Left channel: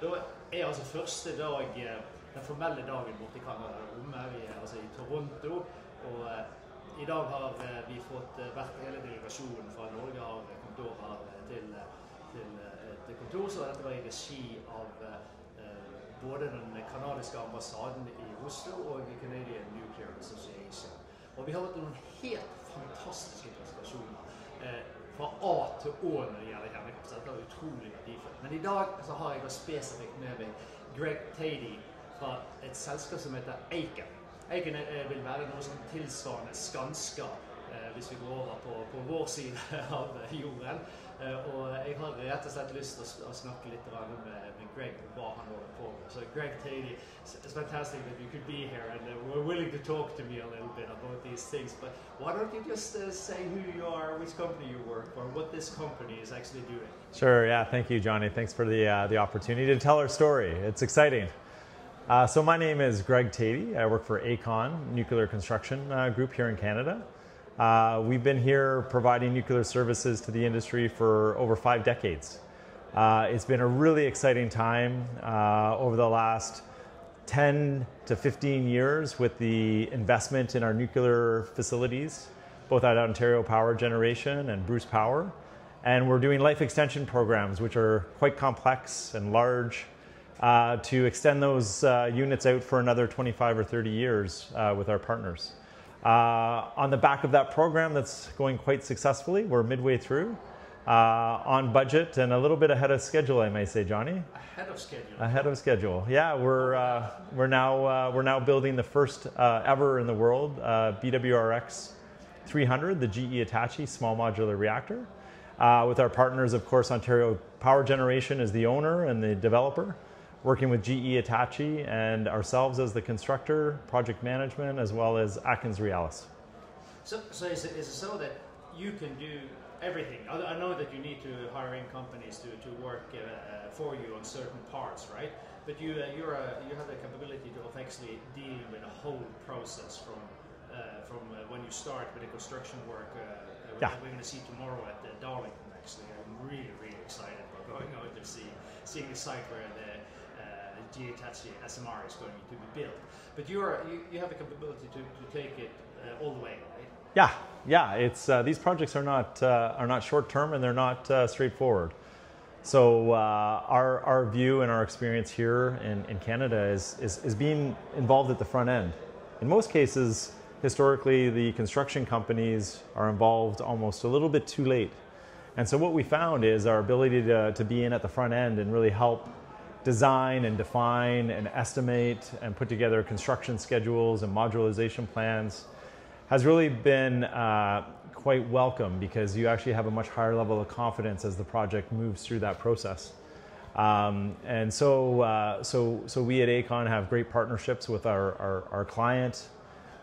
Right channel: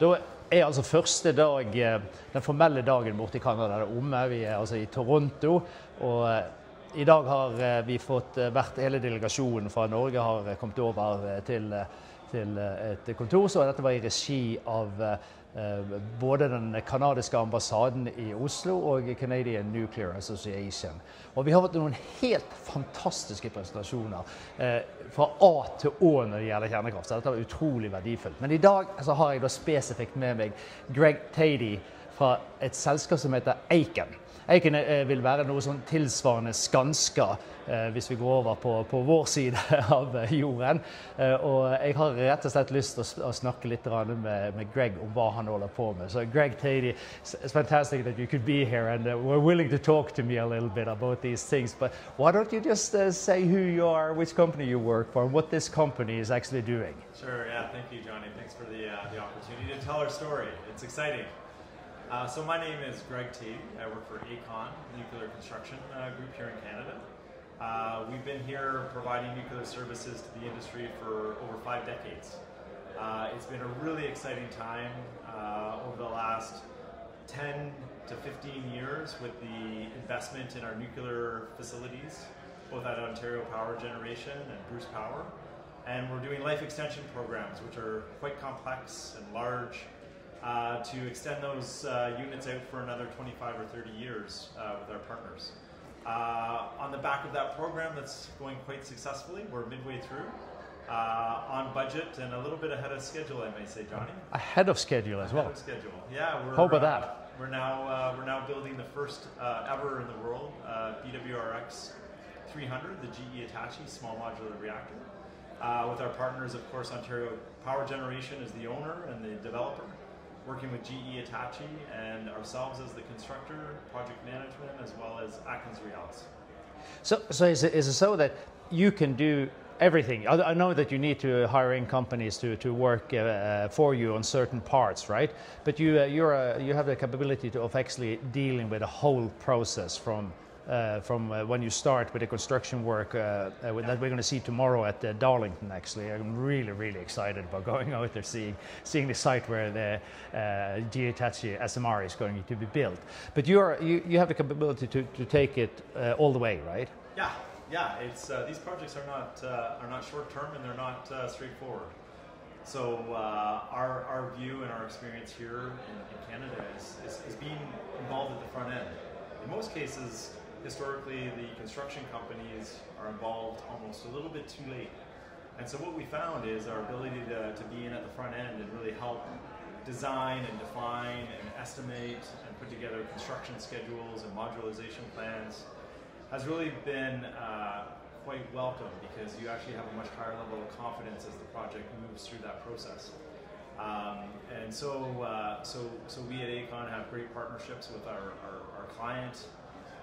Da er altså første dag, den formelle dagen borte i Canada omme. Vi er altså i Toronto, og i dag har vi fått hele delegasjonen fra Norge har kommet over til et kontor, så dette var i regi av både den kanadiske ambassaden i Oslo og Canadian Nuclear Association. Og vi har hatt noen helt fantastiske presentasjoner fra A til Å når det gjelder kjernekraft, så dette var utrolig verdifullt. Men i dag så har jeg da spesifikt med meg Greg Thede fra et selskap som heter AECON. AECON vil være noe sånn tilsvarende Skanska hvis vi går over på vår side av jorden. Og jeg har rett og slett lyst til å snakke litt med Greg om hva han holder på med. So Greg Thede, it's fantastic that you could be here and we're willing to talk to me a little bit about these things. But why don't you just say who you are, which company you work for, and what this company is actually doing? Sure, yeah, thank you, Johnny. Thanks for the opportunity to tell our story. It's exciting. So my name is Greg Thede. I work for AECON, Nuclear Construction Group here in Canada. We've been here providing nuclear services to the industry for over 5 decades. It's been a really exciting time over the last 10 to 15 years with the investment in our nuclear facilities, both at Ontario Power Generation and Bruce Power. And we're doing life extension programs, which are quite complex and large, to extend those units out for another 25 or 30 years with our partners. On the back of that program that's going quite successfully, we're midway through, on budget and a little bit ahead of schedule, I may say, Johnny. Ahead of schedule as well? Ahead of schedule, yeah. How about that? We're now building the first ever in the world BWRX 300, the GE Hitachi small modular reactor. With our partners, of course, Ontario Power Generation is the owner and the developer, working with GE Hitachi and ourselves as the constructor, project management, as well as Atkins Realis. So is it so that you can do everything? I know that you need to hire in companies to work for you on certain parts, right? But you have the capability of actually dealing with the whole process from when you start with the construction work that we're going to see tomorrow at Darlington. Actually, I'm really excited about going out there, seeing the site where the GE Hitachi SMR is going to be built. But you have the capability to take it all the way, right? Yeah. It's these projects are not short term and they're not straightforward. So our view and our experience here in Canada is being involved at the front end. In most cases, historically, the construction companies are involved almost a little bit too late. And so what we found is our ability to be in at the front end and really help design and define and estimate and put together construction schedules and modularization plans has really been quite welcome, because you actually have a much higher level of confidence as the project moves through that process. And so we at AECON have great partnerships with our client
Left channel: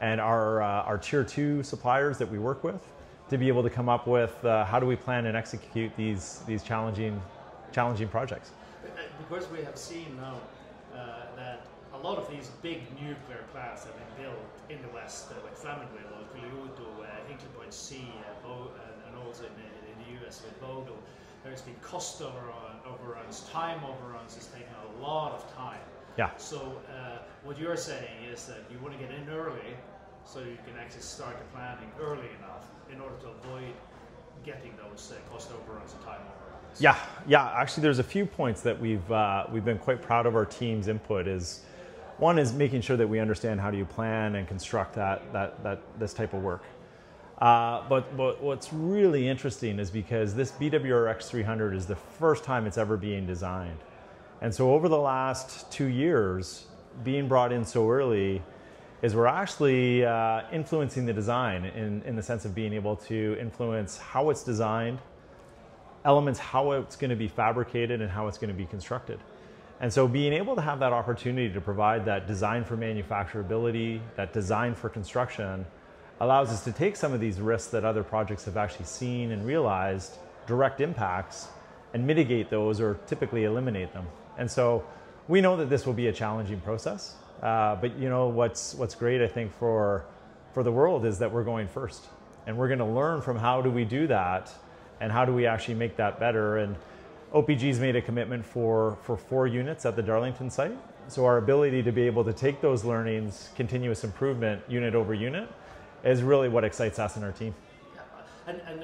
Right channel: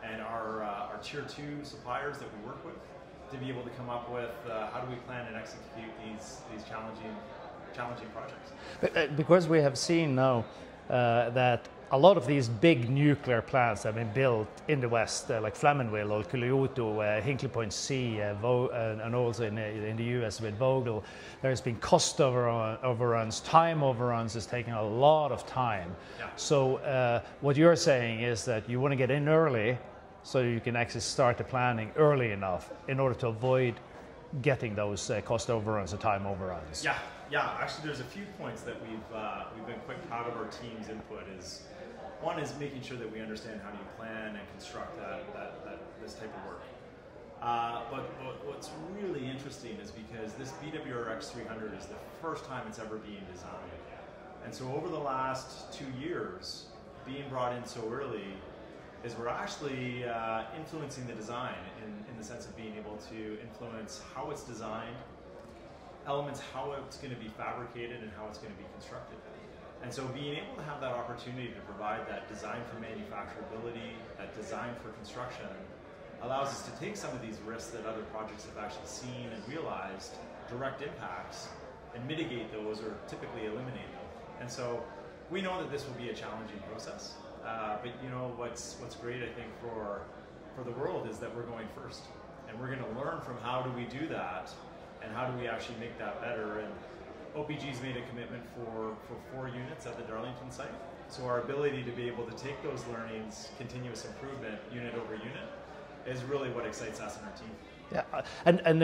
and our tier 2 suppliers that we work with to be able to come up with how do we plan and execute these challenging projects. Because we have seen now that a lot of these big nuclear plants have been built in the West, like Flamanville or Kyoto, Hinkley Point C, and also in the US with Vogtle. There's been cost overruns, time overruns. It's taking a lot of time. Yeah. So what you're saying is that you want to get in early so you can actually start the planning early enough in order to avoid getting those cost overruns and time overruns. Yeah. Actually, there's a few points that we've been quite proud of our team's input. One is making sure that we understand how do you plan and construct this type of work. But what's really interesting is because this BWRX 300 is the first time it's ever being designed. And so over the last 2 years, being brought in so early is we're actually influencing the design in the sense of being able to influence how it's designed, elements, how it's going to be fabricated, and how it's going to be constructed. And so being able to have that opportunity to provide that design for manufacturability, that design for construction, allows us to take some of these risks that other projects have actually seen and realized, direct impacts, and mitigate those or typically eliminate them. And so we know that this will be a challenging process, but you know what's great, I think, for the world is that we're going first. And we're going to learn from how do we do that and how do we actually make that better. And OPG's made a commitment for 4 units at the Darlington site. So our ability to be able to take those learnings, continuous improvement, unit over unit, is really what excites us and our team. Yeah, and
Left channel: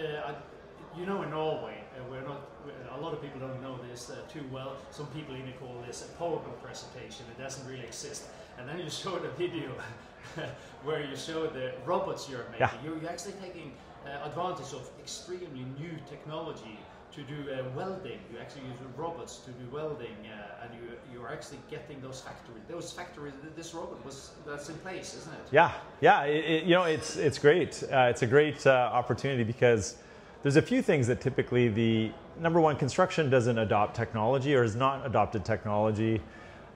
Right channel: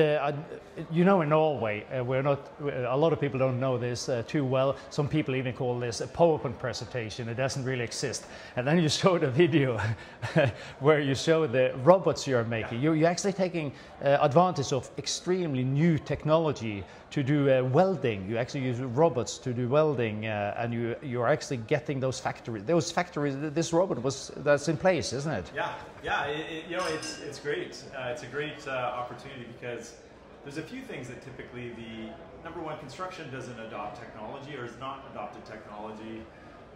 you know, in Norway, we're not. A lot of people don't know this too well. Some people even call this a PowerPoint presentation. It doesn't really exist. And then you show the video where you show the robots you're making. Yeah. You're actually taking advantage of extremely new technology to do welding. You actually use robots to do welding, and you're actually getting those factories. This robot that's in place, isn't it? Yeah, yeah. You know, it's great. It's a great opportunity because there's a few things that typically the number one, construction doesn't adopt technology or has not adopted technology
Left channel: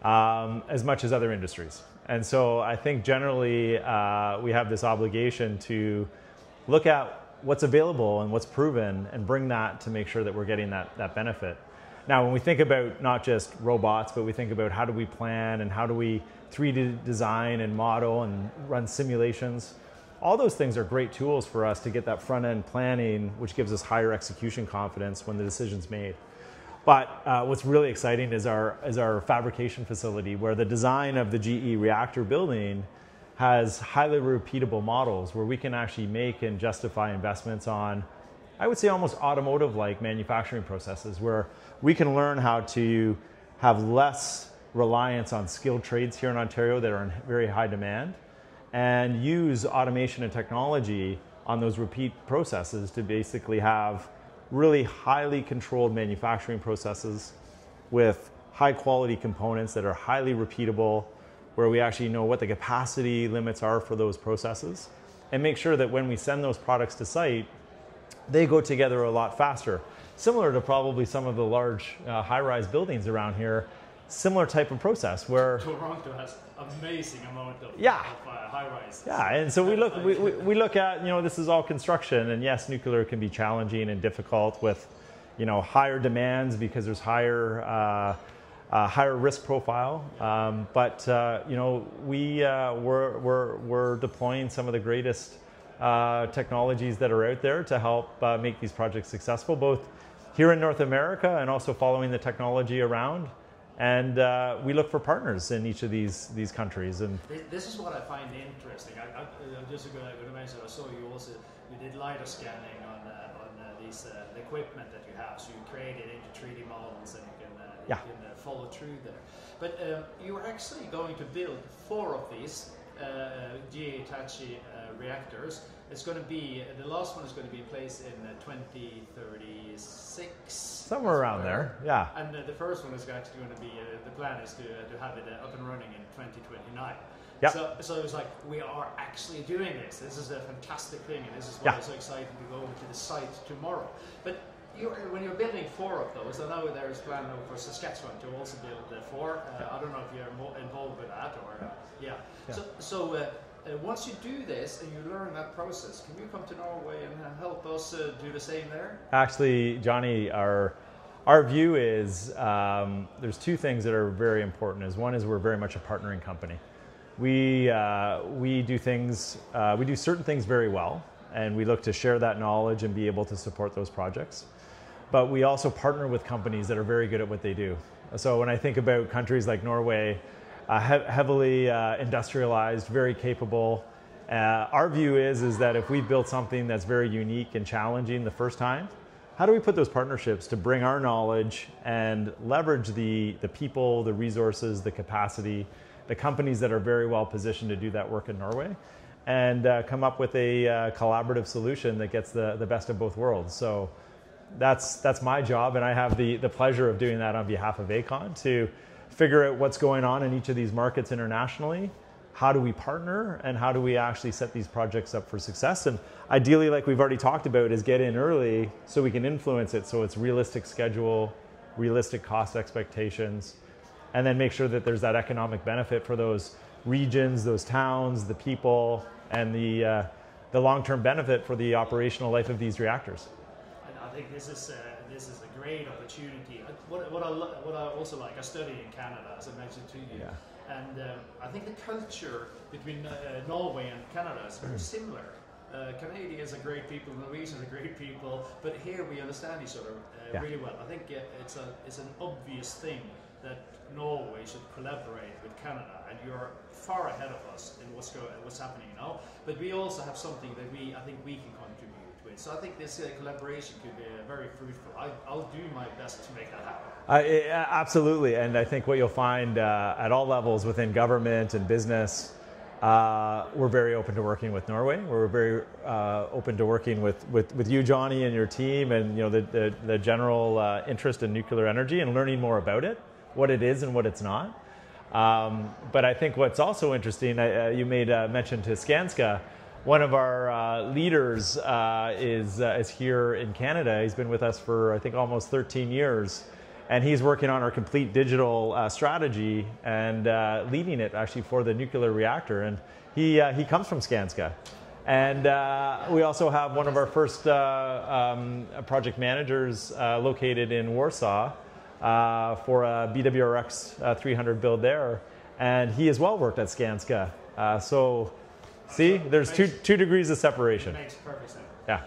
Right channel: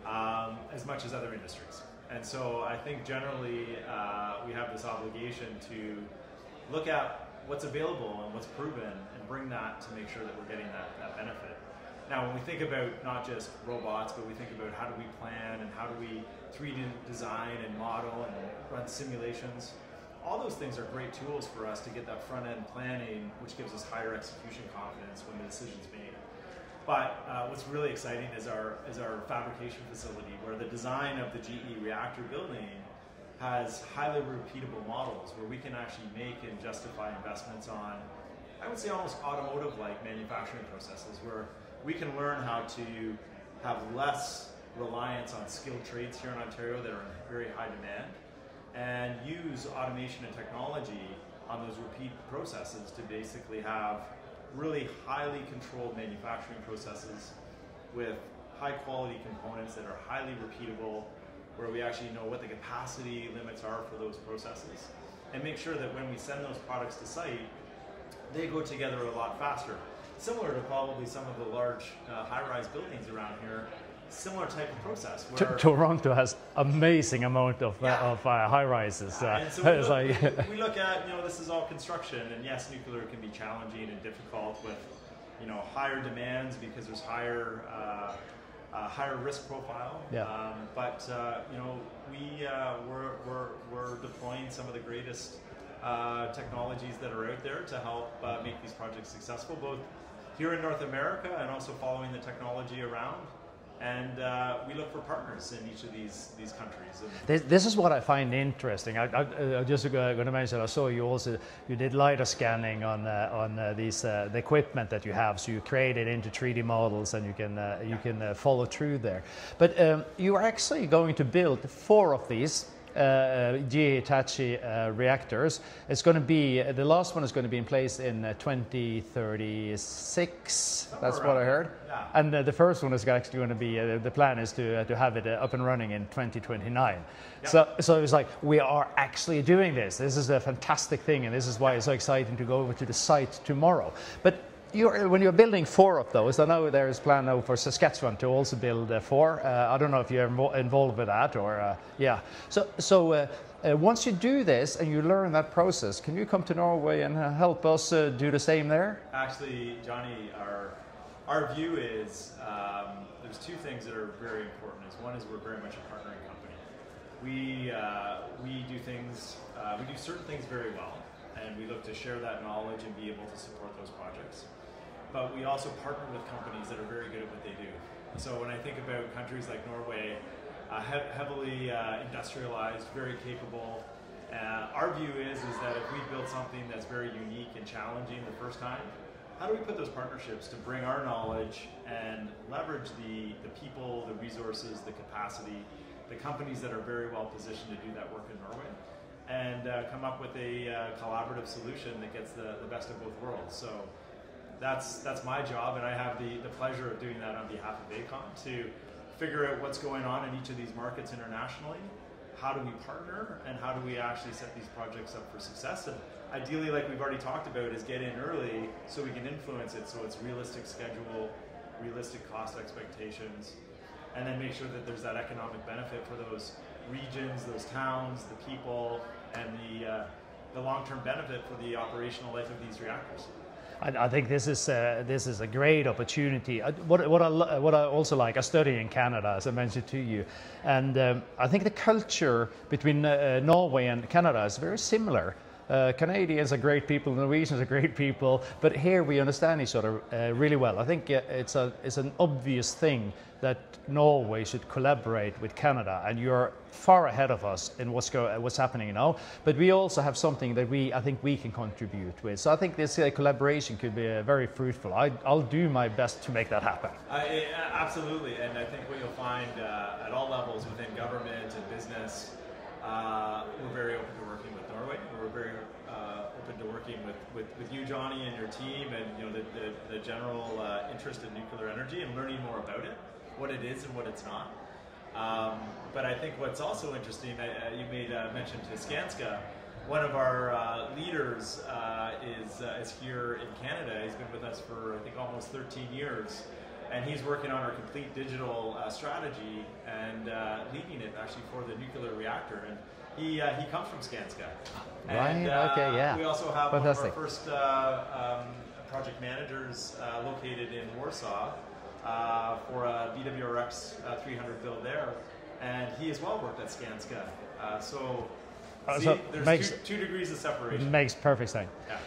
as much as other industries. And so I think generally we have this obligation to look at what's available and what's proven and bring that to make sure that we're getting that benefit. Now, when we think about not just robots, but we think about how do we plan and how do we 3D design and model and run simulations, all those things are great tools for us to get that front-end planning, which gives us higher execution confidence when the decision's made. But what's really exciting is our fabrication facility, where the design of the GE reactor building has highly repeatable models where we can actually make and justify investments on, I would say, almost automotive-like manufacturing processes, where we can learn how to have less reliance on skilled trades here in Ontario that are in very high demand, and use automation and technology on those repeat processes to basically have really highly controlled manufacturing processes with high quality components that are highly repeatable, where we actually know what the capacity limits are for those processes, and make sure that when we send those products to site, they go together a lot faster. Similar to probably some of the large high-rise buildings around here, similar type of process where Toronto has amazing amount of high-rises. Yeah, and so we look at, you know, this is all construction, and yes, nuclear can be challenging and difficult with, you know, higher demands because there's higher risk profile. Yeah. But you know, we're deploying some of the greatest technologies that are out there to help make these projects successful, both here in North America and also following the technology around. And we look for partners in each of these countries. And this is what I find interesting. I just going to mention, I saw you did LiDAR scanning on these the equipment that you have. So you create it into 3D models, and you can follow through there. But you are actually going to build 4 of these GE Hitachi reactors. It's going to be, the last one is going to be in place in 2036. Somewhere around there. Yeah. And the first one is actually going to be, the plan is to have it up and running in 2029. Yep. So it's like, we are actually doing this. This is a fantastic thing, and this is why it's so exciting to go over to the site tomorrow. But when you're building 4 of those, I know there is a plan now for Saskatchewan to also build 4. I don't know if you're involved with that or So once you do this and you learn that process, can you come to Norway and help us do the same there? Actually, Johnny, our view is there's 2 things that are very important. One is we're very much a partnering company. We do things, we do certain things very well, and we look to share that knowledge and be able to support those projects. But we also partner with companies that are very good at what they do. So when I think about countries like Norway, heavily industrialized, very capable, our view is that if we built something that's very unique and challenging the first time, how do we put those partnerships to bring our knowledge and leverage the people, the resources, the capacity, the companies that are very well positioned to do that work in Norway, and come up with a collaborative solution that gets the best of both worlds. So that's my job, and I have the pleasure of doing that on behalf of AECON, to figure out what's going on in each of these markets internationally. How do we partner, and how do we actually set these projects up for success? And ideally, like we've already talked about, is get in early so we can influence it, so it's realistic schedule, realistic cost expectations, and then make sure that there's that economic benefit for those regions, those towns, the people, and the long-term benefit for the operational life of these reactors. I think this is a great opportunity. What I also like, I study in Canada, as I mentioned to you, and I think the culture between Norway and Canada is very similar. Canadians are great people, Norwegians are great people, but here we understand each other really well. I think it's an obvious thing that Norway should collaborate with Canada, and you're far ahead of us in what's happening now. But we also have something that I think we can contribute with. So I think this collaboration could be very fruitful. I'll do my best to make that happen. Absolutely, and I think what you'll find at all levels within government and business, we're very open to working with Norway. We're very open to working with you, Johnny, and your team, and the general interest in nuclear energy and learning more about it, what it is and what it's not. But I think what's also interesting, you made mention to Skanska. One of our leaders is here in Canada. He's been with us for I think almost 13 years. And he's working on our complete digital strategy and leading it actually for the nuclear reactor. And he comes from Skanska. And we also have one of our first project managers located in Warsaw for a BWRX 300 build there. And he as well worked at Skanska. So there's two degrees of separation. Makes perfect sense. Yeah.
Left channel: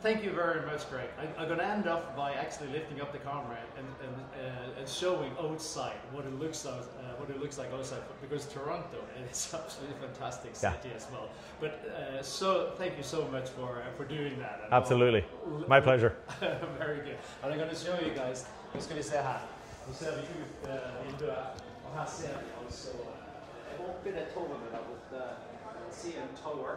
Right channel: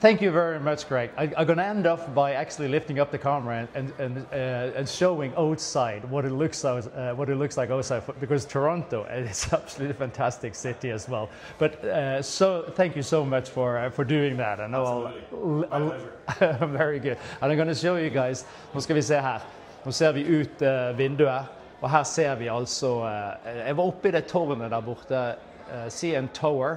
Thank you very much, Greg. I'm going to end off by actually lifting up the camera and showing outside what it looks like outside, because Toronto is absolutely a fantastic city as well. But so thank you so much for doing that. And absolutely, my pleasure. Very good. And I'm going to show you guys. Nå skal vi se her. Nå ser vi ut vinduet, og her ser vi altså. Jeg var oppe I det tårnet der borte, CN Tower.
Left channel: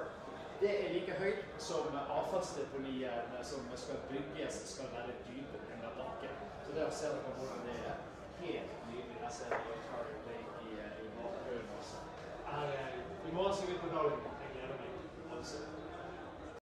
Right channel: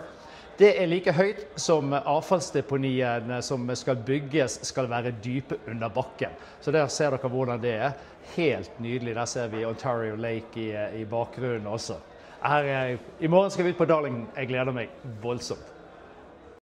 Det like høyt som avfallsdeponiene som skal bygges skal være dype under bakken. Så der ser dere hvordan det Helt nydelig. Der ser vi Ontario Lake I bakgrunnen også. I morgen skal vi ut på Darling. Jeg gleder meg voldsomt.